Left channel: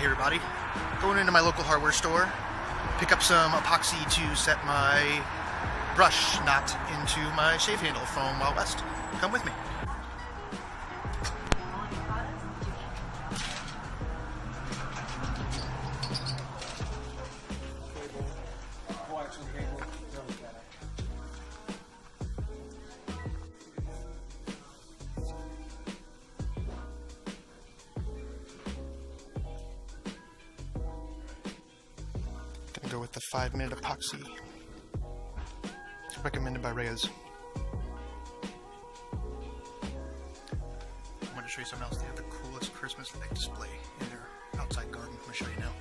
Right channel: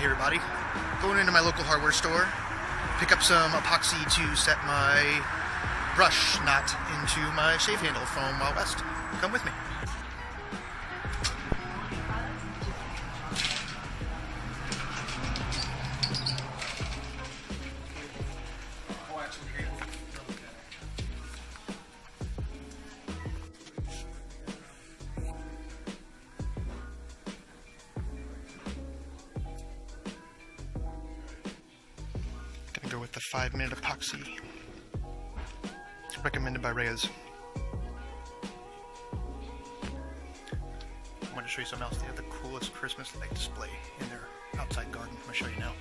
Hey everybody, going into my local hardware store, pick up some epoxy to set my brush knot into my shave handle from Wild West. Come with me. Gonna go with the 5-minute epoxy, recommended by Reyes. I'm going to show you something else. They have the coolest Christmas light display in their outside garden. I'm going to show you now.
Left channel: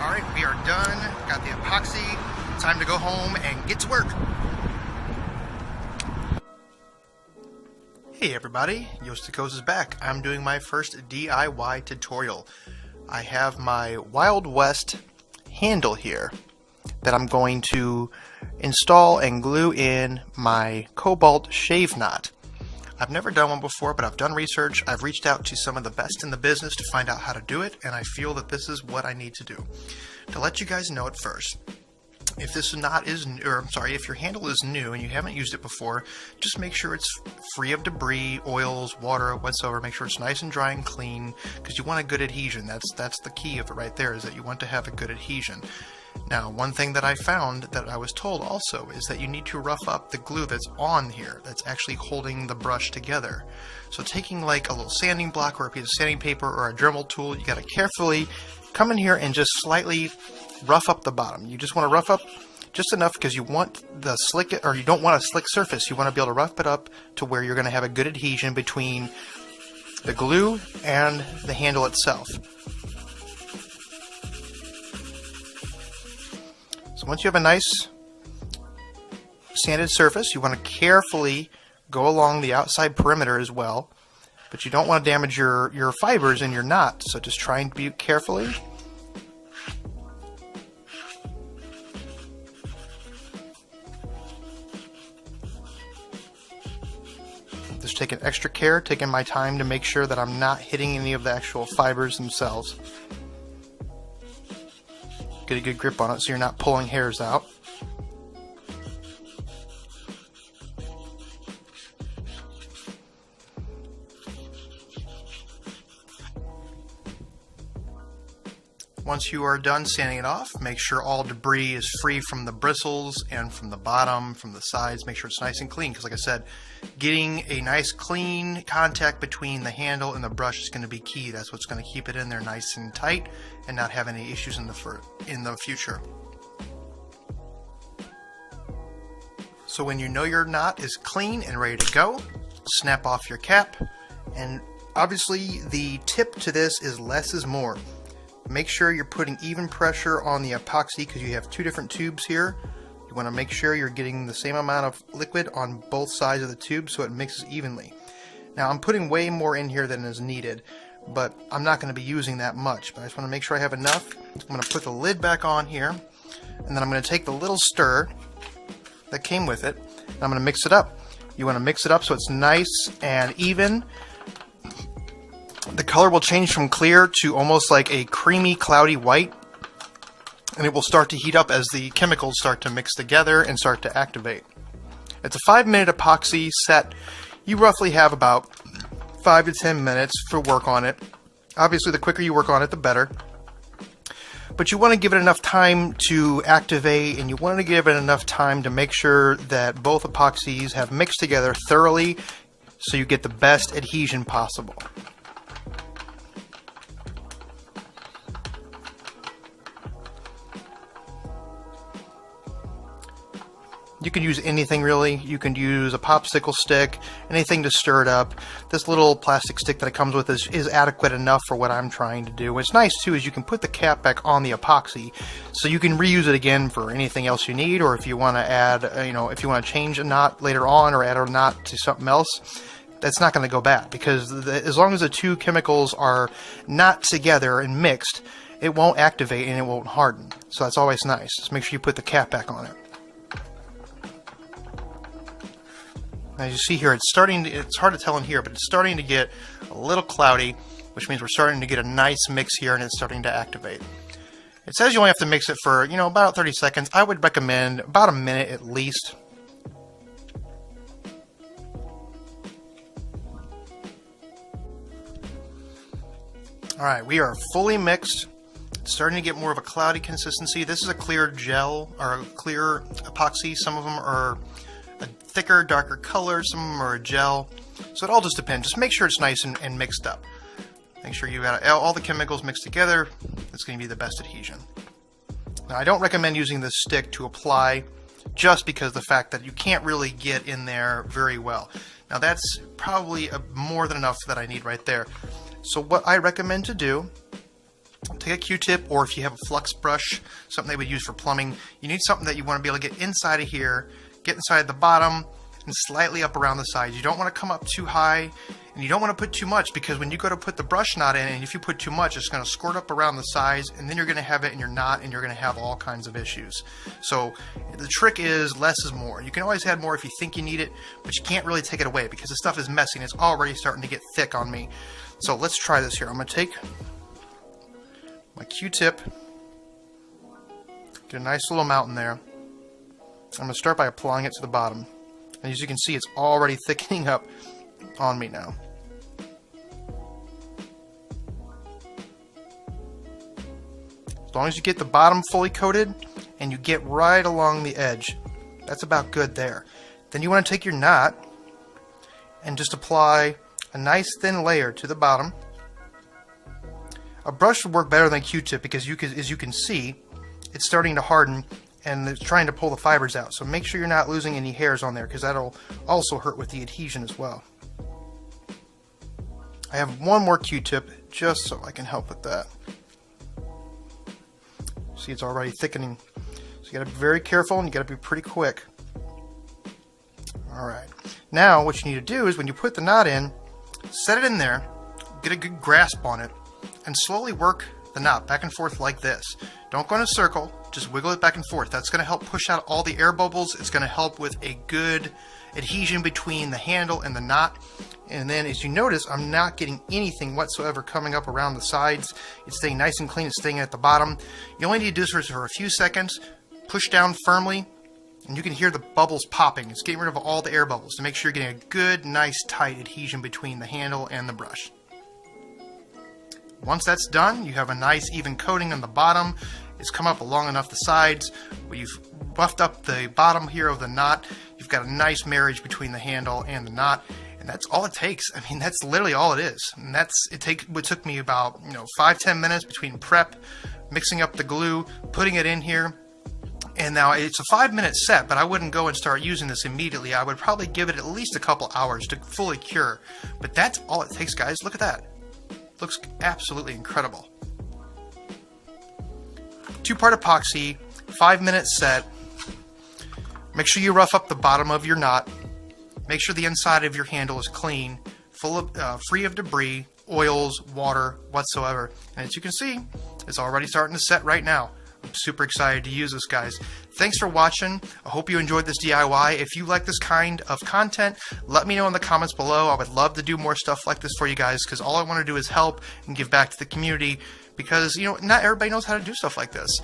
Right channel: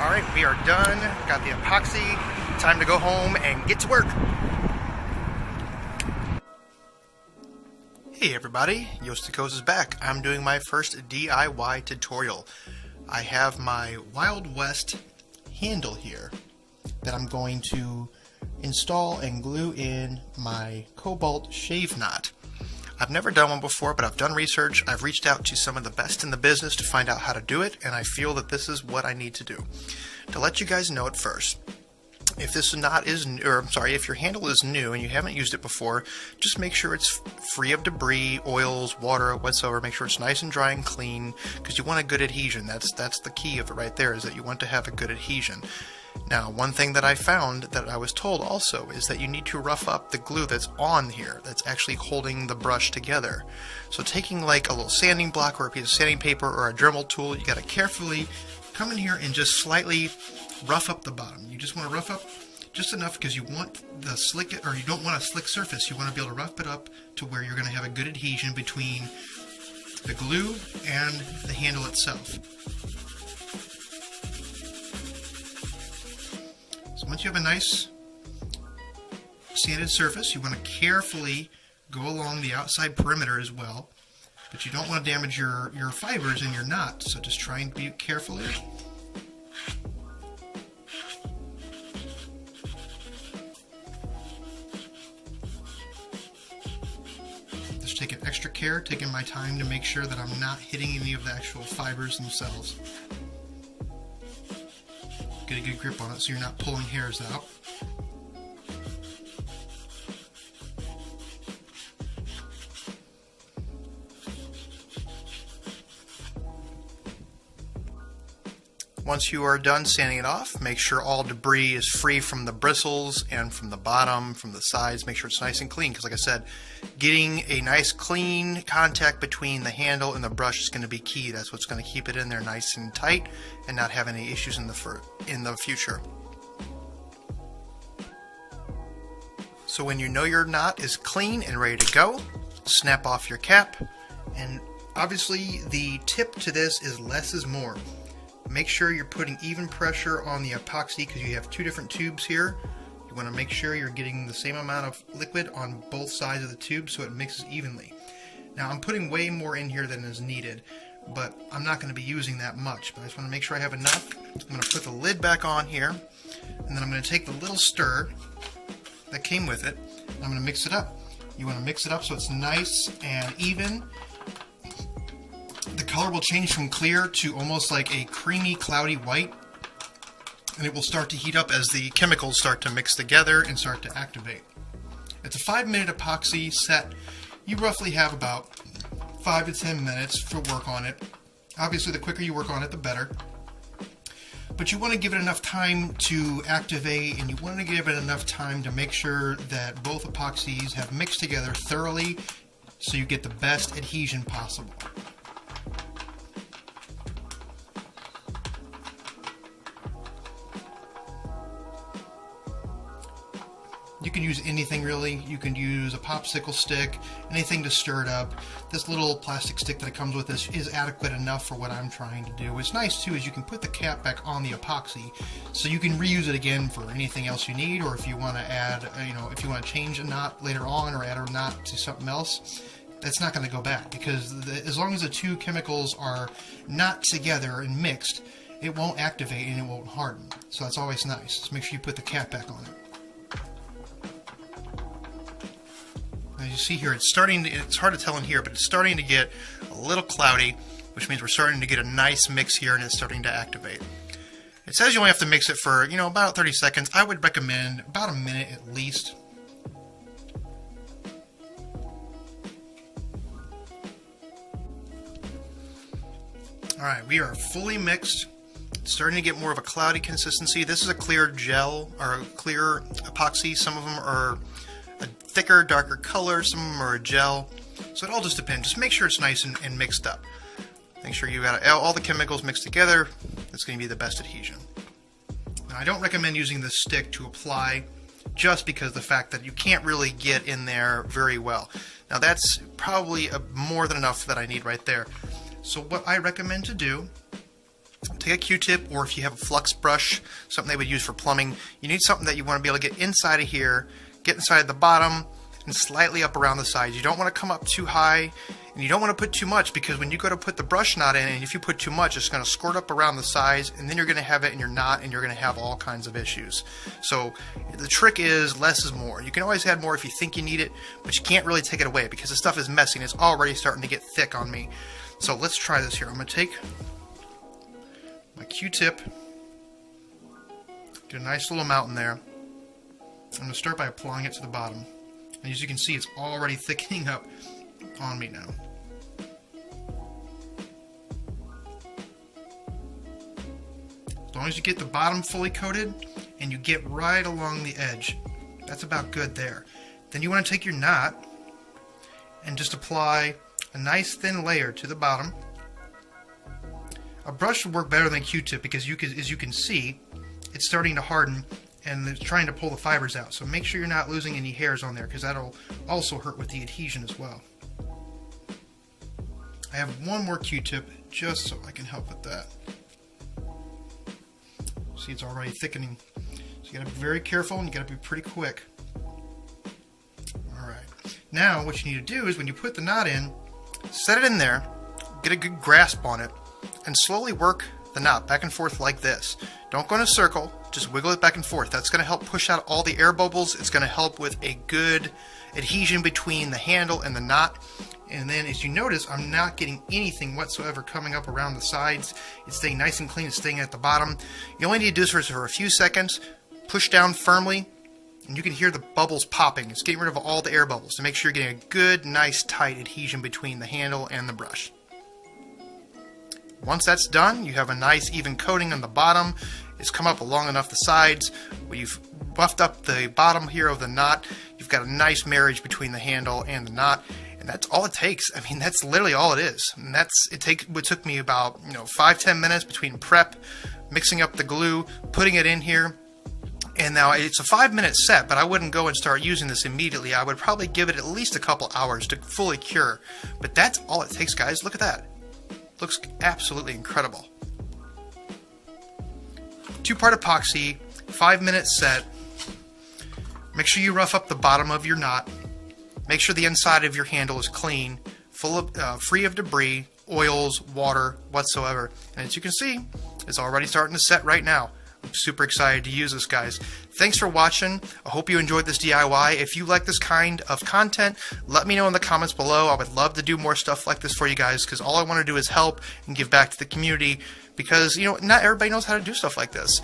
Alright, we are done. Got the epoxy. Time to go home and get to work. Hey everybody, Yostikos is back. I'm doing my first DIY tutorial. I have my Wild West handle here that I'm going to install and glue in my Cobalt shave knot. I've never done one before, but I've done research. I've reached out to some of the best in the business to find out how to do it, and I feel that this is what I need to do. To let you guys know at first, if this knot is new, or I'm sorry, if your handle is new and you haven't used it before, just make sure it's free of debris, oils, water, whatsoever. Make sure it's nice and dry and clean, because you want a good adhesion. That's the key of it right there, is that you want to have a good adhesion. Now, one thing that I found that I was told also is that you need to rough up the glue that's on here, that's actually holding the brush together. So taking like a little sanding block or a piece of sanding paper or a Dremel tool, you got to carefully come in here and just slightly rough up the bottom. You just want to rough up just enough, because you want the slick, or you don't want a slick surface. You want to be able to rough it up to where you're going to have a good adhesion between the glue and the handle itself. So once you have a nice sanded surface, you want to carefully go along the outside perimeter as well, but you don't want to damage your fibers in your knot, so just try and be carefully. Just taking extra care, taking my time to make sure that I'm not hitting any of the actual fibers themselves. Get a good grip on it so you're not pulling hairs out. Once you are done sanding it off, make sure all debris is free from the bristles and from the bottom, from the sides. Make sure it's nice and clean, because like I said, getting a nice clean contact between the handle and the brush is going to be key. That's what's going to keep it in there nice and tight and not have any issues in the future. So when you know your knot is clean and ready to go, snap off your cap. And obviously the tip to this is less is more. Make sure you're putting even pressure on the epoxy, because you have two different tubes here. You want to make sure you're getting the same amount of liquid on both sides of the tube so it mixes evenly. Now I'm putting way more in here than is needed, but I'm not going to be using that much. But I just want to make sure I have enough. I'm going to put the lid back on here, and then I'm going to take the little stir that came with it, and I'm going to mix it up. You want to mix it up so it's nice and even. The color will change from clear to almost like a creamy, cloudy white, and it will start to heat up as the chemicals start to mix together and start to activate. It's a 5-minute epoxy set. You roughly have about 5 to 10 minutes for work on it. Obviously, the quicker you work on it, the better. But you want to give it enough time to activate, and you want to give it enough time to make sure that both epoxies have mixed together thoroughly so you get the best adhesion possible. You can use anything really. You can use a popsicle stick, anything to stir it up. This little plastic stick that it comes with is adequate enough for what I'm trying to do. What's nice too is you can put the cap back on the epoxy, so you can reuse it again for anything else you need, or if you want to add, if you want to change a knot later on or add a knot to something else, that's not going to go bad, because as long as the two chemicals are not together and mixed, it won't activate and it won't harden. So that's always nice. Just make sure you put the cap back on it. As you see here, it's hard to tell in here, but it's starting to get a little cloudy, which means we're starting to get a nice mix here and it's starting to activate. It says you only have to mix it for, about 30 seconds. I would recommend about a minute at least. Alright, we are fully mixed. It's starting to get more of a cloudy consistency. This is a clear gel, or a clear epoxy. Some of them are a thicker, darker color, some of them are a gel. So it all just depends. Just make sure it's nice and mixed up. Make sure you got all the chemicals mixed together. It's going to be the best adhesion. Now, I don't recommend using this stick to apply, just because of the fact that you can't really get in there very well. Now that's probably more than enough that I need right there. So what I recommend to do, take a Q-tip, or if you have a flux brush, something they would use for plumbing, you need something that you want to be able to get inside of here, get inside the bottom, and slightly up around the sides. You don't want to come up too high, and you don't want to put too much, because when you go to put the brush knot in, and if you put too much, it's going to squirt up around the sides, and then you're going to have it in your knot, and you're going to have all kinds of issues. So the trick is less is more. You can always add more if you think you need it, but you can't really take it away, because the stuff is messy, and it's already starting to get thick on me. So let's try this here. I'm going to take my Q-tip, get a nice little amount in there. I'm going to start by applying it to the bottom. And as you can see, it's already thickening up on me now. As long as you get the bottom fully coated and you get right along the edge, that's about good there. Then you want to take your knot and just apply a nice thin layer to the bottom. A brush would work better than a Q-tip, because as you can see, it's starting to harden and it's trying to pull the fibers out. So make sure you're not losing any hairs on there, because that'll also hurt with the adhesion as well. I have one more Q-tip just so I can help with that. See, it's already thickening. So you gotta be very careful and you gotta be pretty quick. Alright. Now what you need to do is, when you put the knot in, set it in there, get a good grasp on it, and slowly work the knot back and forth like this. Don't go in a circle, just wiggle it back and forth. That's going to help push out all the air bubbles. It's going to help with a good adhesion between the handle and the knot. And then as you notice, I'm not getting anything whatsoever coming up around the sides. It's staying nice and clean. It's staying at the bottom. You only need to do this for a few seconds. Push down firmly, and you can hear the bubbles popping. It's getting rid of all the air bubbles to make sure you're getting a good, nice, tight adhesion between the handle and the brush. Once that's done, you have a nice even coating on the bottom. It's come up along enough the sides. When you've buffed up the bottom here of the knot, you've got a nice marriage between the handle and the knot. And that's all it takes. I mean, that's literally all it is. And it took me about 5-10 minutes between prep, mixing up the glue, putting it in here. And now it's a 5-minute set, but I wouldn't go and start using this immediately. I would probably give it at least a couple hours to fully cure. But that's all it takes, guys. Look at that. Looks absolutely incredible. 2-part epoxy, 5-minute set. Make sure you rough up the bottom of your knot. Make sure the inside of your handle is clean, free of debris, oils, water, whatsoever. And as you can see, it's already starting to set right now. I'm super excited to use this, guys. Thanks for watching. I hope you enjoyed this DIY. If you like this kind of content, let me know in the comments below. I would love to do more stuff like this for you guys, because all I want to do is help and give back to the community, because not everybody knows how to do stuff like this.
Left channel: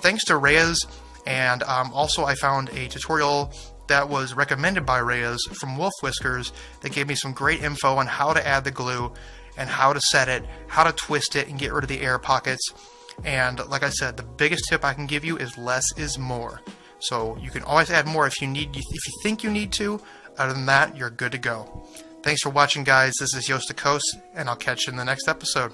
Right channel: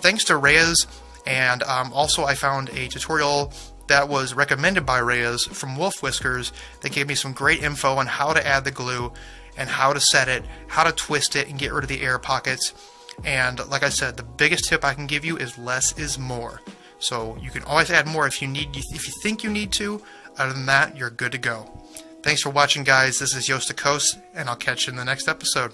Thanks to Reyes, and also I found a tutorial that was recommended by Reyes from Wolf Whiskers that gave me some great info on how to add the glue and how to set it, how to twist it and get rid of the air pockets. And like I said, the biggest tip I can give you is less is more. So you can always add more if you think you need to. Other than that, you're good to go. Thanks for watching, guys. This is Joost de Koos, and I'll catch you in the next episode.